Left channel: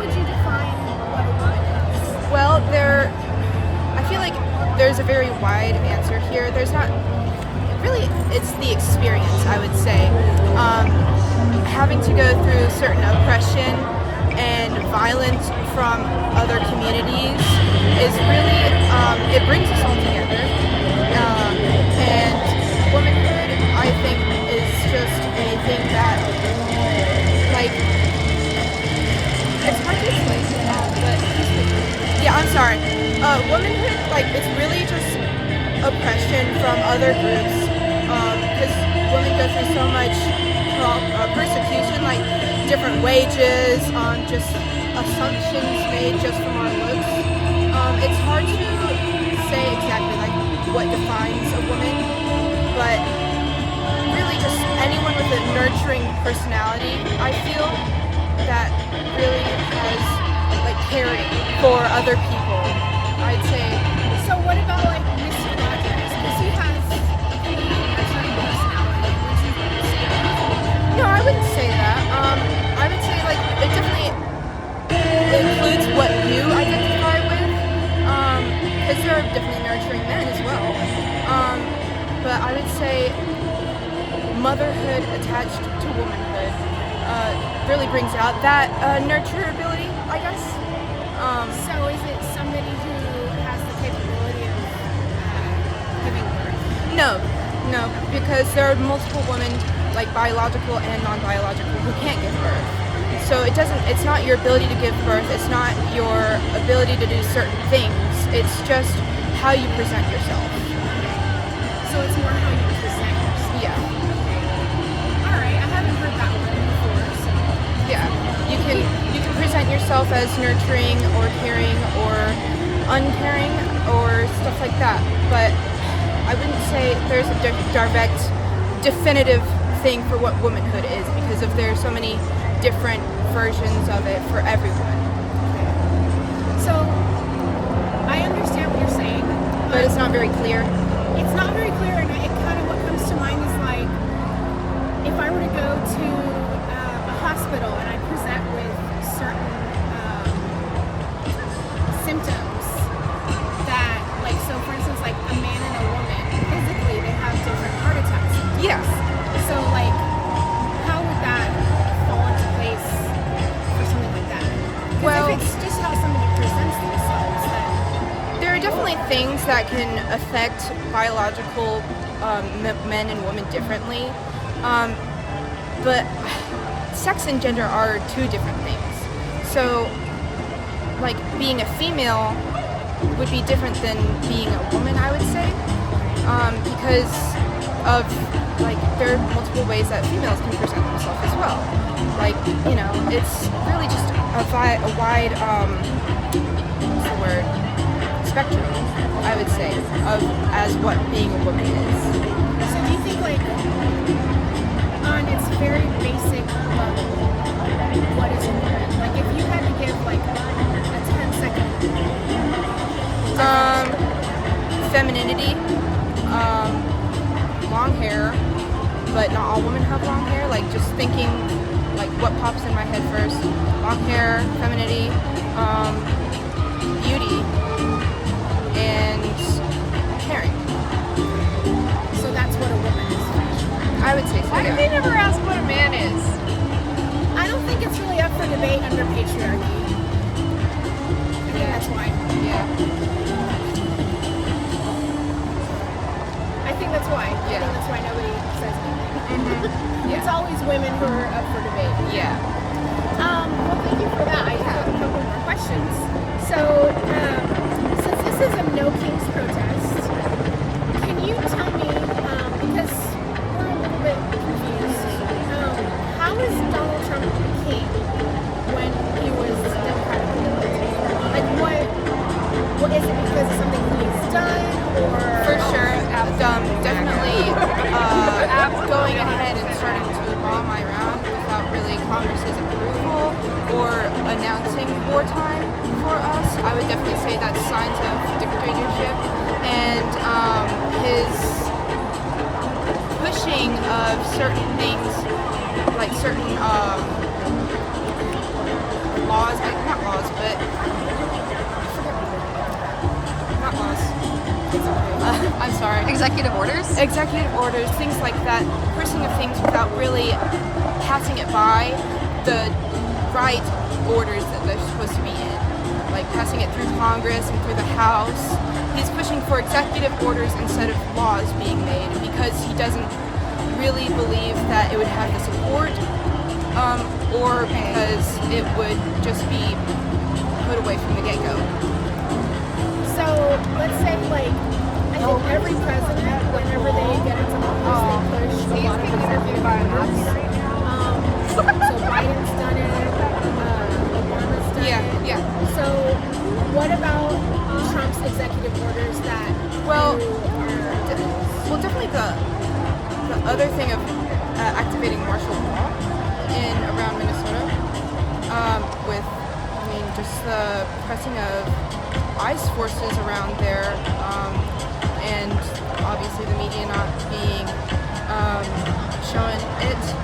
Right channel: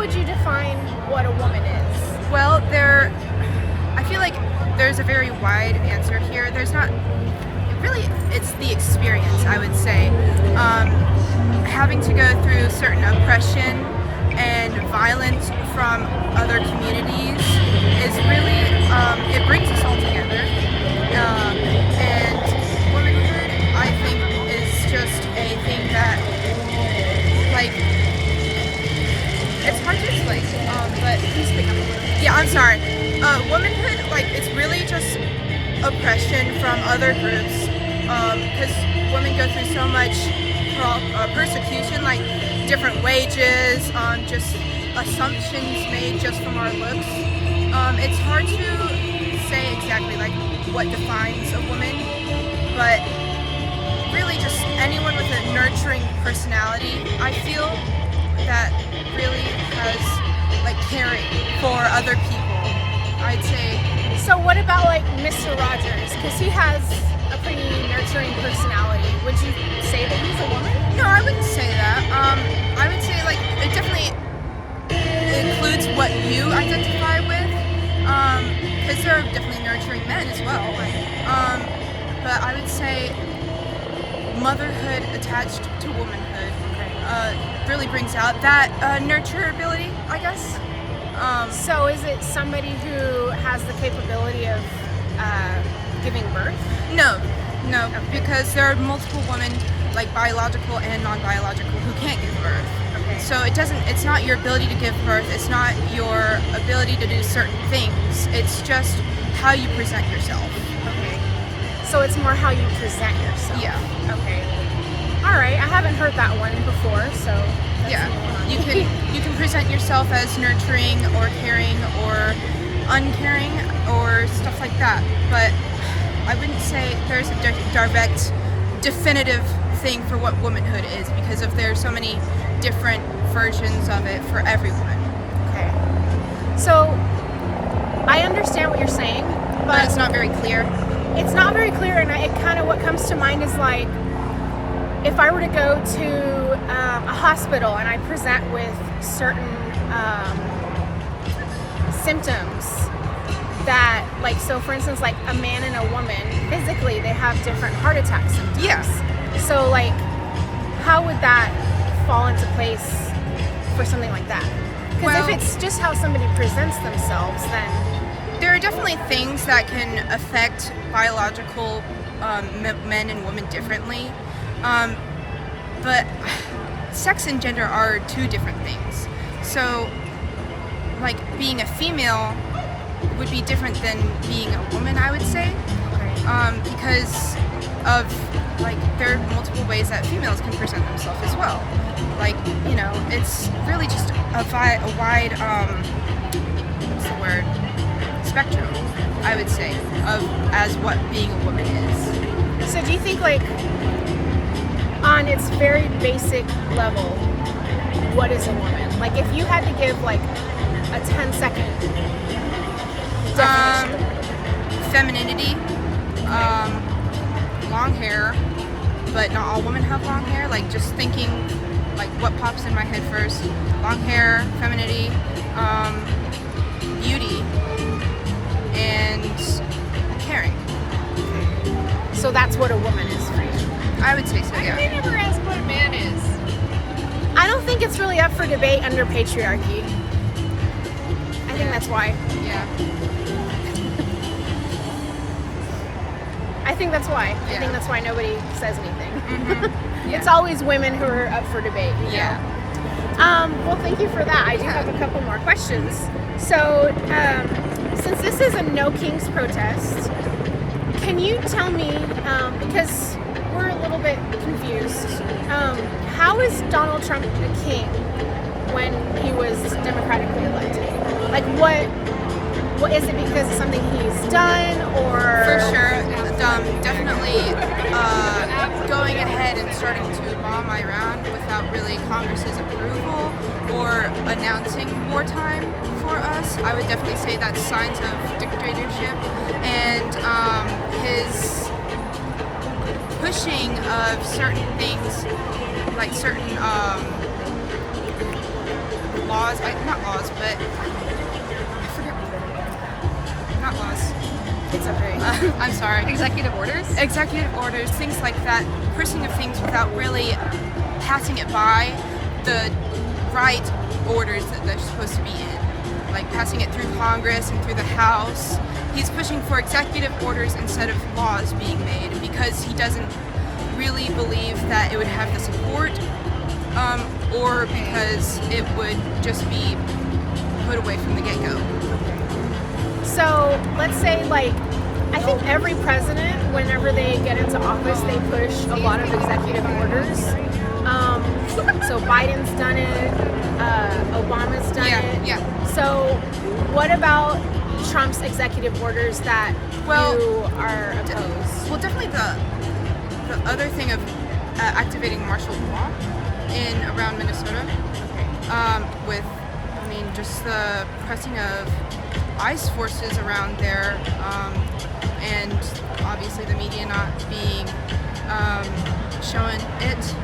would you define what a woman is? Well, I feel like there's a very wide answer here. There's not really, it's the experience, I would say. Having to go through certain oppression and violence from other communities is really, it brings us all together. And womanhood, I think, is just a thing that, like, it's hard to explain, but yeah, I'm sorry. Womanhood, like, it's really just oppression from other groups, because women go through so much persecution, like different wages, just assumptions made just from our looks. It's hard to say exactly like what defines a woman, but really just anyone with a nurturing personality, I feel, that really has like caring for other people, I'd say. So what about like Mr. Rogers? Because he has a pretty nurturing personality. Would you say that he's a woman? No, I wouldn't say that. I would say like it definitely includes what you identify with. Because there are definitely nurturing men as well. But I would say motherhood attached to womanhood really brings out that nurturability, I guess. So is it somebody who has the capability of giving birth? No, because there are multiple women, like biological and non-biological, who can't give birth. So it's not your ability to give birth, it's not your ability to do certain things, it's just how you present yourself. Okay. So it's more how you present yourself. Yeah. Okay. All right, I haven't heard that one before, so. Yeah. You can present yourself as nurturing or caring or uncaring or stuff like that. But I wouldn't say there's a direct, definitive thing for what womanhood is, because there's so many different versions of it for everyone. Okay. So I understand what you're saying, But it's not very clear. It's not very clear, and it kind of, what comes to mind is like, if I were to go to a hospital and I present with certain symptoms that, like, so for instance, like a man and a woman, physically they have different heart attack symptoms. Yes. So like, how would that fall into place for something like that? Because if it's just how somebody presents themselves, then there are definitely things that can affect biological men and women differently. But sex and gender are two different things. So, like, being a female would be different than being a woman, I would say. Because of, like, there are multiple ways that females can present themselves as well. Like, you know, it's really just a wide, what's the word? Spectrum, I would say, of as what being a woman is. So do you think, like, on its very basic level, what is a woman? Like, if you had to give, like, a 10-second definition. Femininity, long hair, but not all women have long hair. Like, just thinking, like, what pops in my head first. Long hair, femininity, beauty, and caring. So that's what a woman is for you. I would say so, Why yeah. did they never ask what a man is? I don't think it's really up for debate under patriarchy. I think that's why. Yeah. I think that's why. I Yeah. think that's why nobody says anything. Mm-hmm. It's always women who are up for debate. Yeah. Well, thank you for that. I do have a couple more questions. So, since this is a No Kings protest, can you tell me, because we're a little bit confused, how is Donald Trump a king when he was democratically elected? Like, what is it, because of something he's done, or? For sure, definitely going ahead and starting to bomb Iran without really Congress's approval or announcing wartime for us, I would definitely say that's signs of dictatorship. And his pushing of certain things, like certain laws, not laws, but I forget. Not laws. It's okay. I'm sorry. Executive orders? Executive orders, things like that, pushing of things without really passing it by the right orders that they're supposed to be in. Like passing it through Congress and through the House. He's pushing for executive orders instead of laws being made because he doesn't really believe that it would have the support or because it would just be put away from the get-go. So let's say, like, I think every president, whenever they get into office, they push a lot of executive orders. So Biden's done it, Obama's done it. Yeah. So what about Trump's executive orders that you are opposed? Well, definitely the other thing of activating martial law in around Minnesota, with, I mean, just the pressing of ICE forces around there, and obviously the media not being showing it,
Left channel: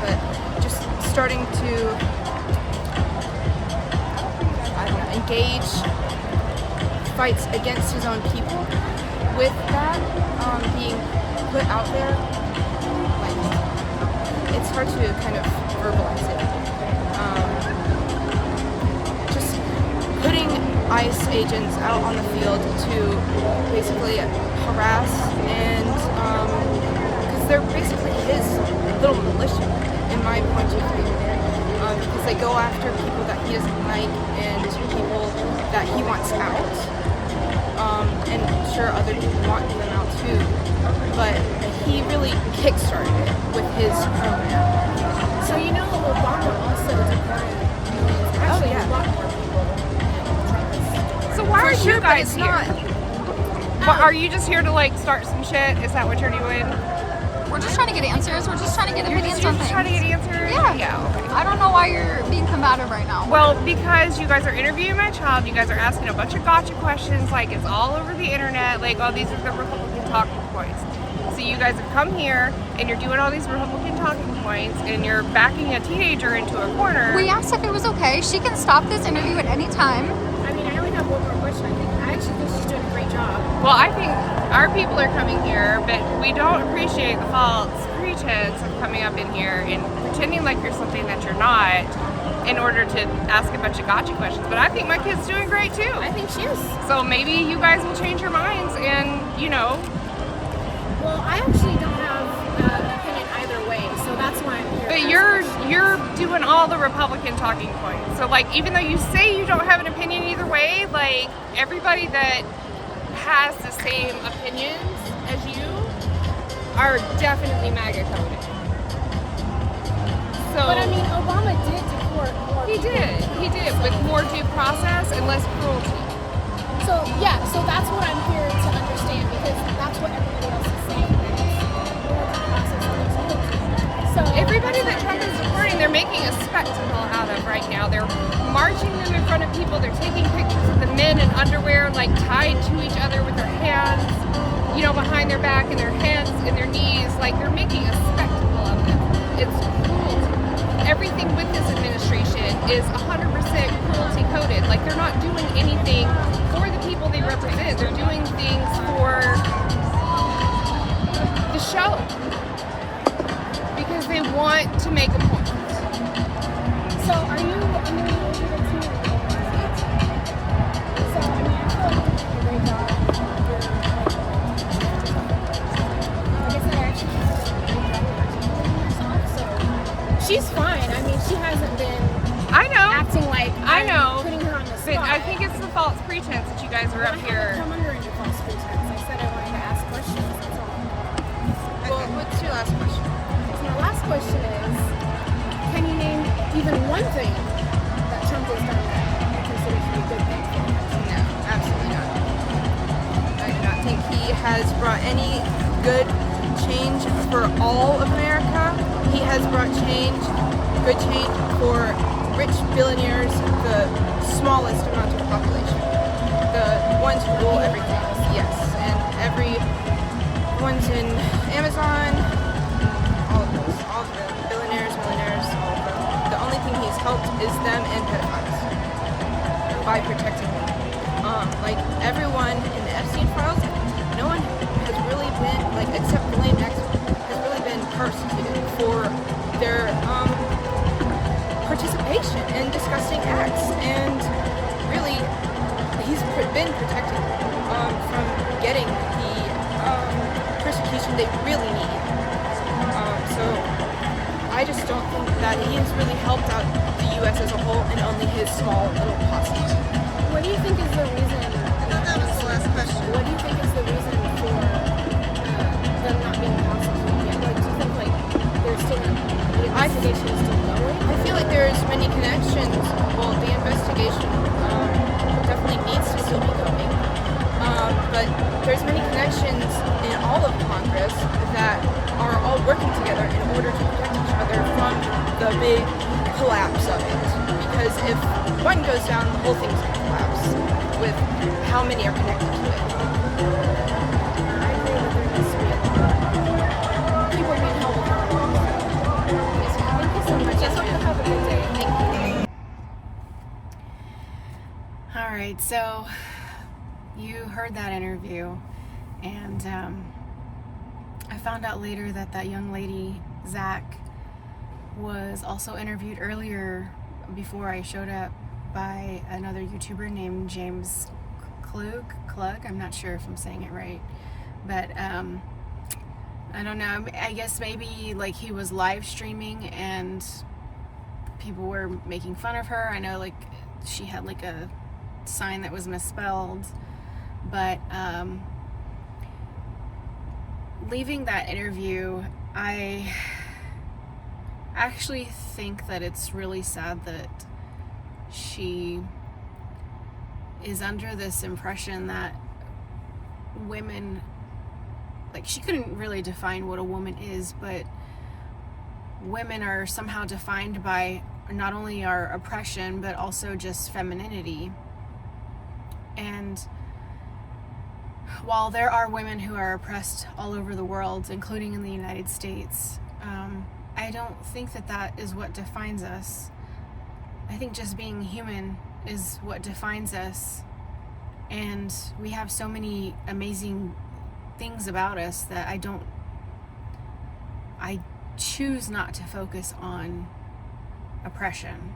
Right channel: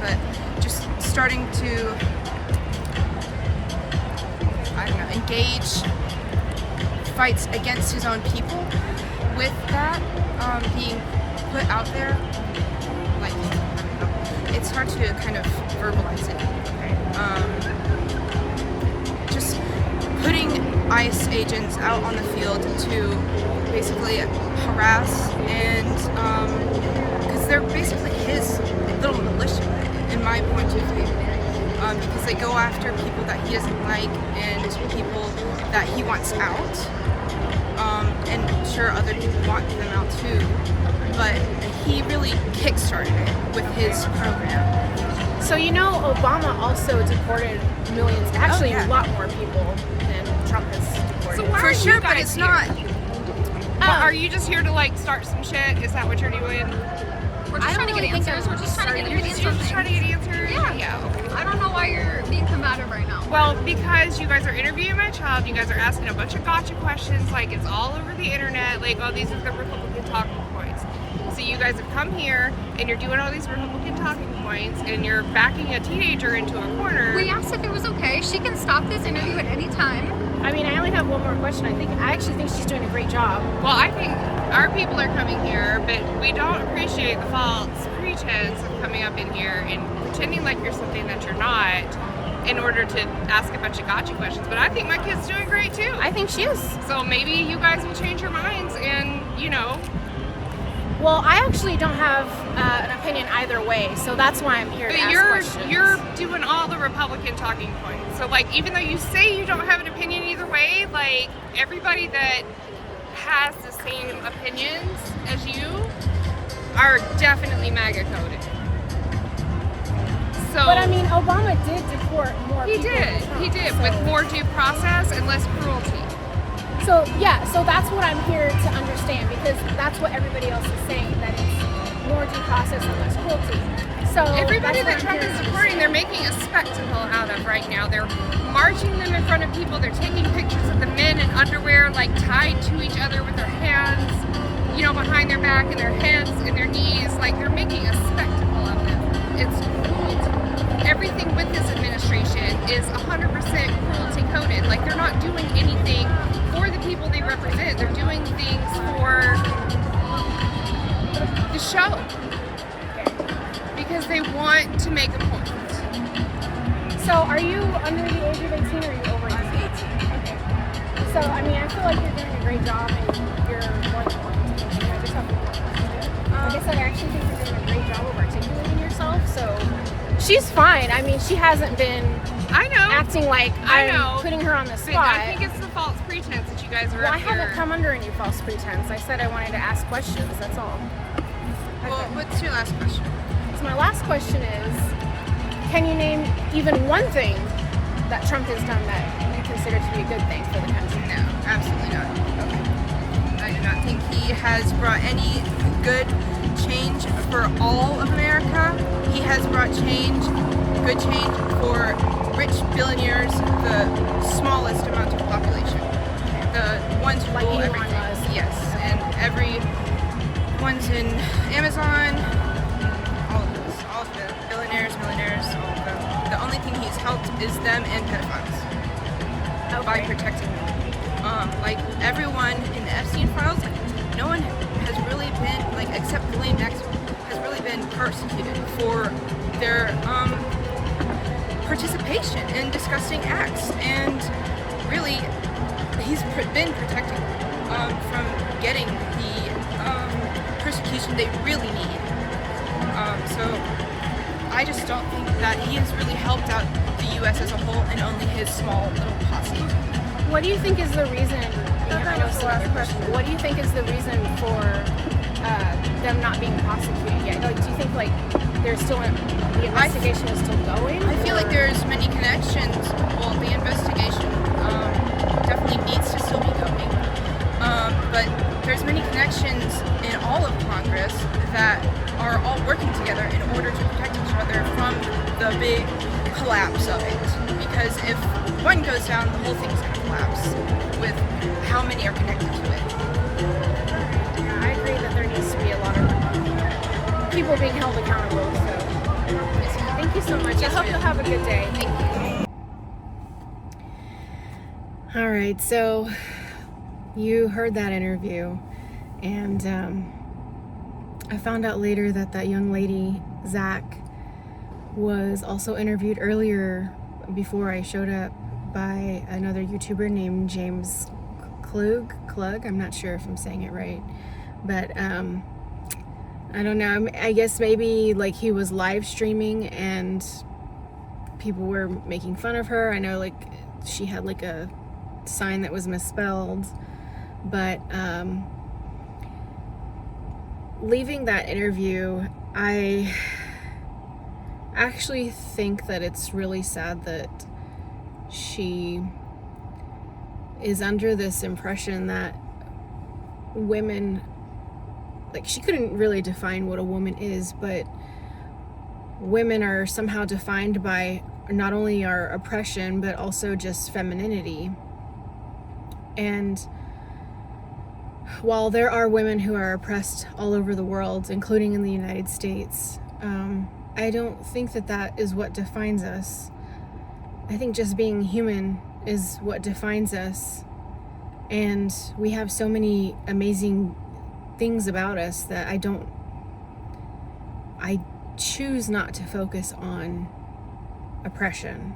but just starting to, I don't know, engage fights against his own people with that being put out there. Like, I don't know, it's hard to kind of verbalize it. Just putting ICE agents out on the field to basically harass and because they're basically his little militia in my point of view, because they go after people that he doesn't like and people that he wants out, and sure other people want them out too, but he really kickstarted it with his program. So you know, Obama also deported millions, actually yeah. a lot more people than Trump has deported. So why For are sure, you but guys it's here? not. Are you just here to like start some shit? Is that what you're doing? We're just I trying to don't get think answers. I'm We're just trying to get You're opinions just on trying to things. get answers? Yeah. Okay. I don't know why you're being combative right now. Well, because you guys are interviewing my child, you guys are asking a bunch of gotcha questions, like it's all over the internet, like, oh, these are the Republican talking points. So you guys have come here and you're doing all these Republican talking points and you're backing a teenager into a corner. We asked if it was okay. She can stop this interview at any time. I mean, I only have one more question. I actually think she's doing a great job. Well, I think our people are coming here, but we don't appreciate the false pretense of coming up in here and pretending like you're something that you're not in order to ask a bunch of gotcha questions. But I think my kid's doing great too. I think she is. So maybe you guys will change your minds and, you know, Well, I actually don't have an opinion either way, so that's why I'm here. but to ask questions. you're doing all the Republican talking points. So like even though you say you don't have an opinion either way, like everybody that has the same opinions as you are definitely MAGA coded. So But I mean, Obama did deport more he people. did with more due process and less cruelty. So yeah, so that's what I'm here to understand, because that's what everybody else is saying, that it's more due process and less cruelty. So Everybody that that's what I'm Trump here is to supporting, they're making a spectacle out of right now. They're marching them in front of people. They're taking pictures of the men in underwear, like tied to each other with their hands, you know, behind their back and their heads and their knees. Like they're making a spectacle of it. It's cruelty. Everything with this administration is 100% cruelty coded. Like they're not doing anything for the people they represent. They're doing things for the show. Because they want to make a point. So are you under the age of 18 or are you over 18? So I mean, I feel like you're doing a great job and you're like, I guess I actually think you're doing a great job of articulating yourself. So she's fine. I mean, she hasn't been I know. acting like I I'm know. putting her on the But spot. I think it's the false pretense that you guys are Well, I up here. haven't come under any false pretense. I said I wanted to ask questions. That's all. Well, what's your last question? So my last question is, can you name even one thing that Trump has done that you consider to be a good thing for the country? No, absolutely not. I do not think he has brought any good change for all of America. He has brought change, good change for rich billionaires, the smallest amount of population. The ones who Like rule Elon everything. Musk. Yes, and every ones in Amazon, all of those, all of the billionaires, millionaires, all of them. The only thing he's helped is them and pedophiles by protecting them. Like everyone in the Epstein files, no one has really been, like, except Ghislaine Maxwell, has really been persecuted for their participation in disgusting acts, and really he's been protecting them from getting the persecution they really need. So I just don't think that he has really helped out the U.S. as a whole and only his small little posse. What do you think is the reason? I know it's another question. What do you think is the reason for them not being prosecuted yet? Like, do you think like there's still the investigation is still going? I feel like there's many connections. Well, the investigation definitely needs to still be going, but there's many connections in all of Congress that are all working together in order to protect each other from the big collapse of it. Because if one goes down, the whole thing's going to collapse with how many are connected to it. Yeah, I agree that there needs to be a lot of people being held accountable. So, thank you so much. I hope you'll have a good day. Thank you. All right, so you heard that interview, and I found out later that that young lady, Zach, was also interviewed earlier before I showed up by another YouTuber named James Klug. I'm not sure if I'm saying it right, but I don't know. I guess maybe like he was live streaming and people were making fun of her. I know like she had like a sign that was misspelled, but leaving that interview, I actually think that it's really sad that she is under this impression that women, like, she couldn't really define what a woman is, but women are somehow defined by not only our oppression but also just femininity. And while there are women who are oppressed all over the world, including in the United States, I don't think that that is what defines us. I think just being human is what defines us. And we have so many amazing things about us that I choose not to focus on oppression.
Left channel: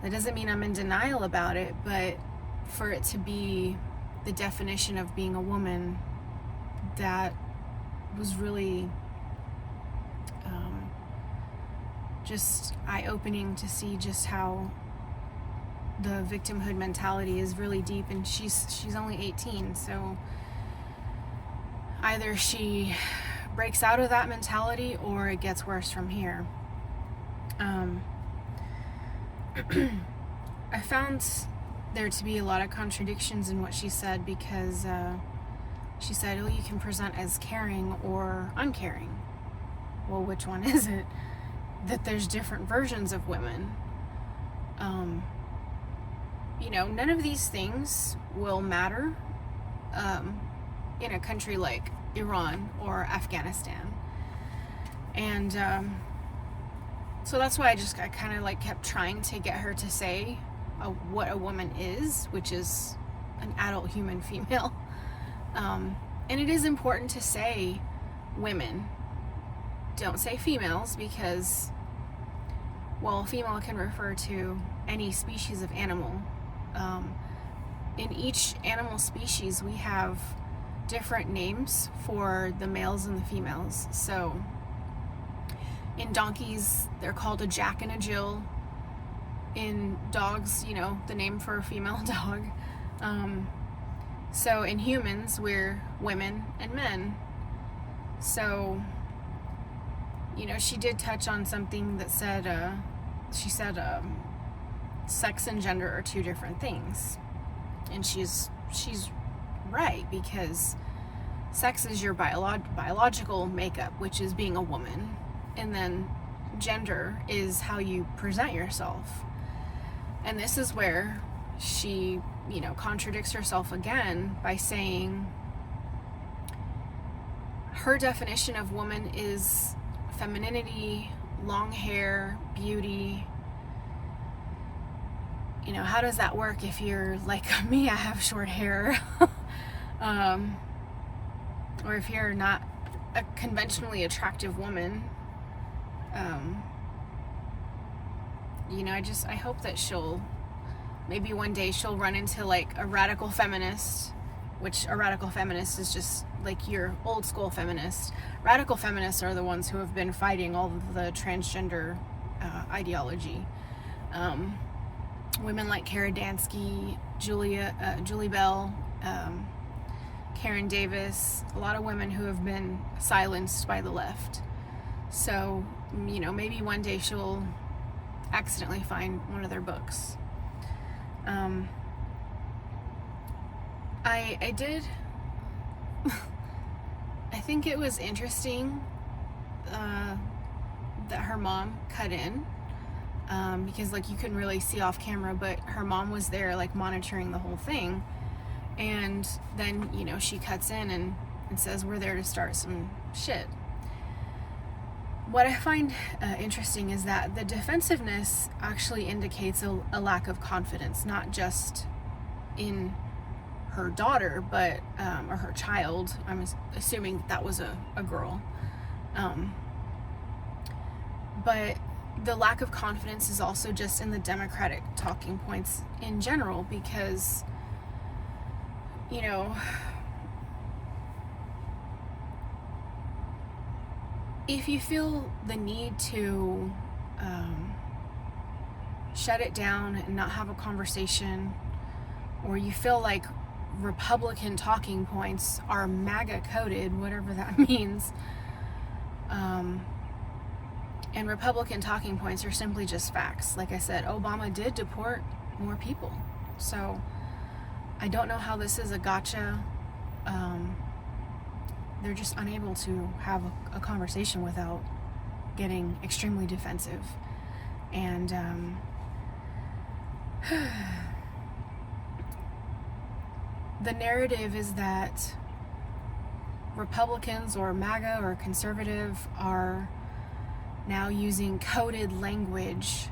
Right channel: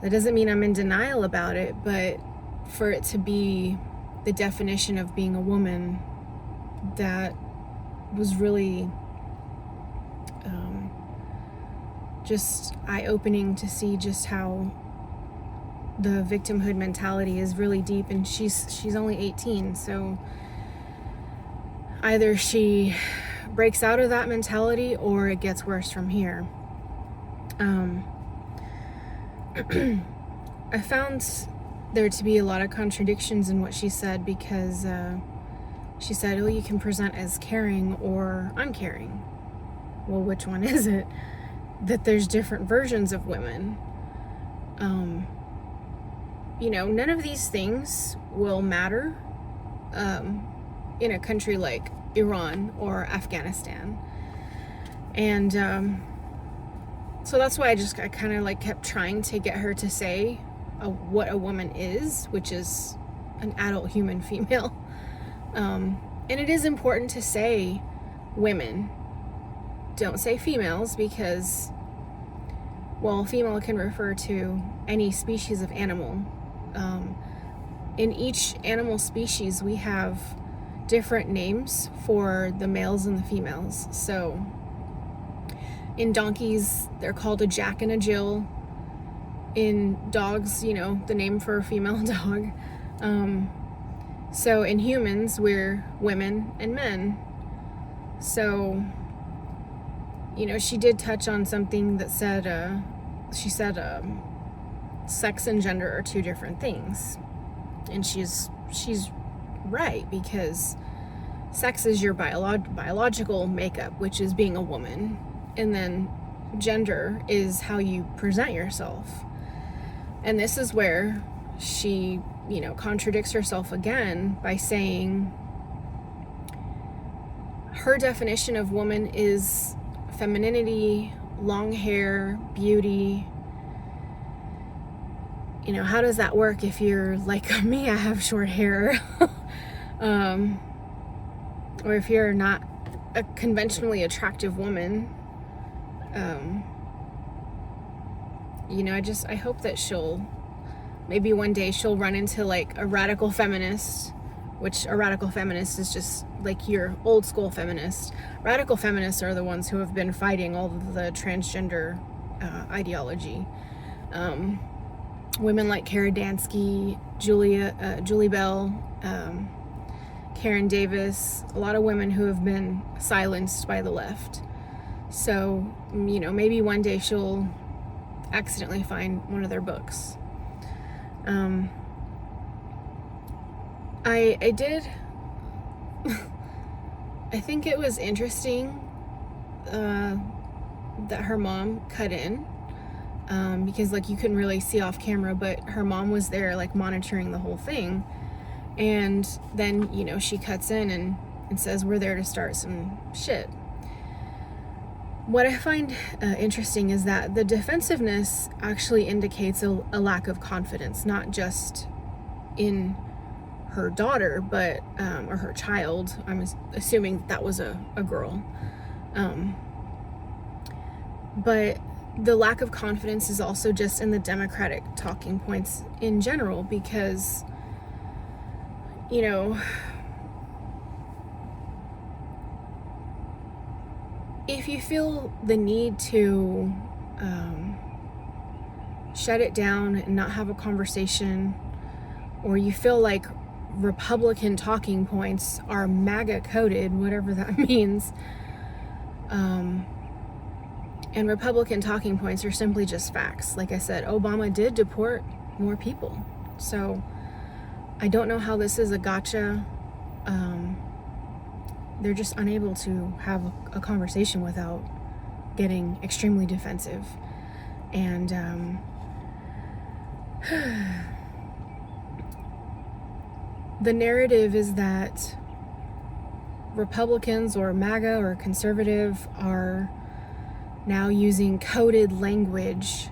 That doesn't mean I'm in denial about it, but for it to be the definition of being a woman, that was really just eye-opening to see just how the victimhood mentality is really deep. And she's only 18, so either she breaks out of that mentality or it gets worse from here. I found there to be a lot of contradictions in what she said, because she said, oh, you can present as caring or uncaring. Well, which one is it? That there's different versions of women. None of these things will matter in a country like Iran or Afghanistan. And so that's why I kind of like kept trying to get her to say what a woman is, which is an adult human female. And it is important to say women. Don't say females, because, well, female can refer to any species of animal. In each animal species, we have different names for the males and the females. So in donkeys, they're called a Jack and a Jill. In dogs, the name for a female dog. So in humans, we're women and men. So, she did touch on something that said, she said sex and gender are two different things. And she's right, because sex is your biological makeup, which is being a woman. And then gender is how you present yourself. And this is where she, contradicts herself again by saying her definition of woman is femininity, long hair, beauty, you know, how does that work if you're like me, I have short hair, or if you're not a conventionally attractive woman. You know, I hope that maybe one day she'll run into like a radical feminist, which a radical feminist is just like your old school feminist. Radical feminists are the ones who have been fighting all of the transgender ideology. Women like Kara Dansky, Julie Bell, Karen Davis, a lot of women who have been silenced by the left. So, you know, maybe one day she'll accidentally find one of their books. I did I think it was interesting that her mom cut in, because like you couldn't really see off camera, but her mom was there like monitoring the whole thing, and then, you know, she cuts in and says we're there to start some shit. What I find interesting is that the defensiveness actually indicates a lack of confidence, not just in her daughter, but or her child. I'm assuming that was a girl. But the lack of confidence is also just in the Democratic talking points in general, because, you know, if you feel the need to shut it down and not have a conversation, or you feel like Republican talking points are MAGA coded, whatever that means, and Republican talking points are simply just facts. Like I said, Obama did deport more people. So I don't know how this is a gotcha. They're just unable to have a conversation without getting extremely defensive. And the narrative is that Republicans or MAGA or conservative are now using coded language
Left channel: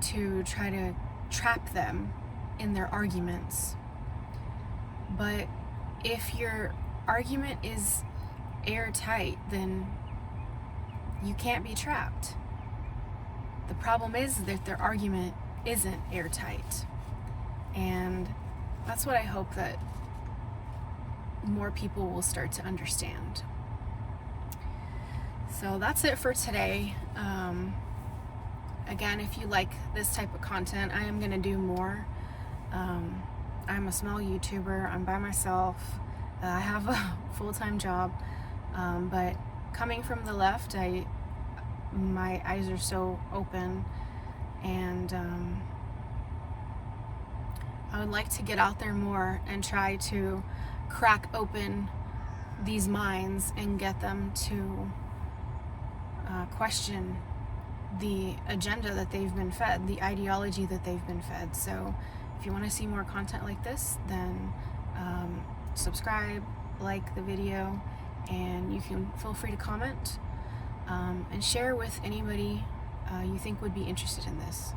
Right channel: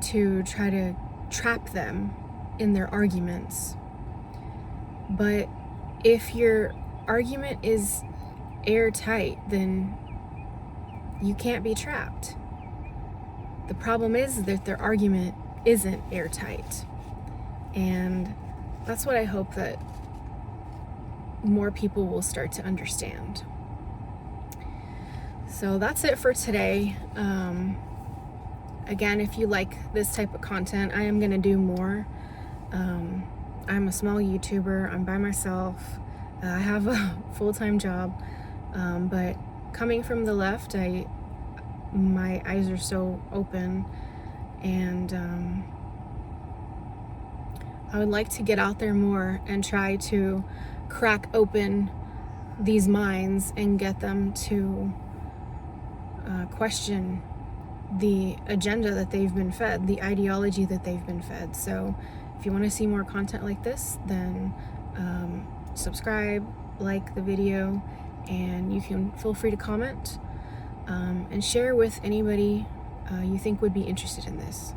to try to trap them in their arguments. But if your argument is airtight, then you can't be trapped. The problem is that their argument isn't airtight. And that's what I hope that more people will start to understand. So that's it for today. Again, if you like this type of content, I am going to do more. I'm a small YouTuber. I'm by myself. I have a full-time job. But coming from the left, my eyes are so open, and I would like to get out there more and try to crack open these minds and get them to question the agenda that they've been fed, the ideology that they've been fed. So if you want to see more content like this, then subscribe, like the video, and you can feel free to comment and share with anybody you think would be interested in this.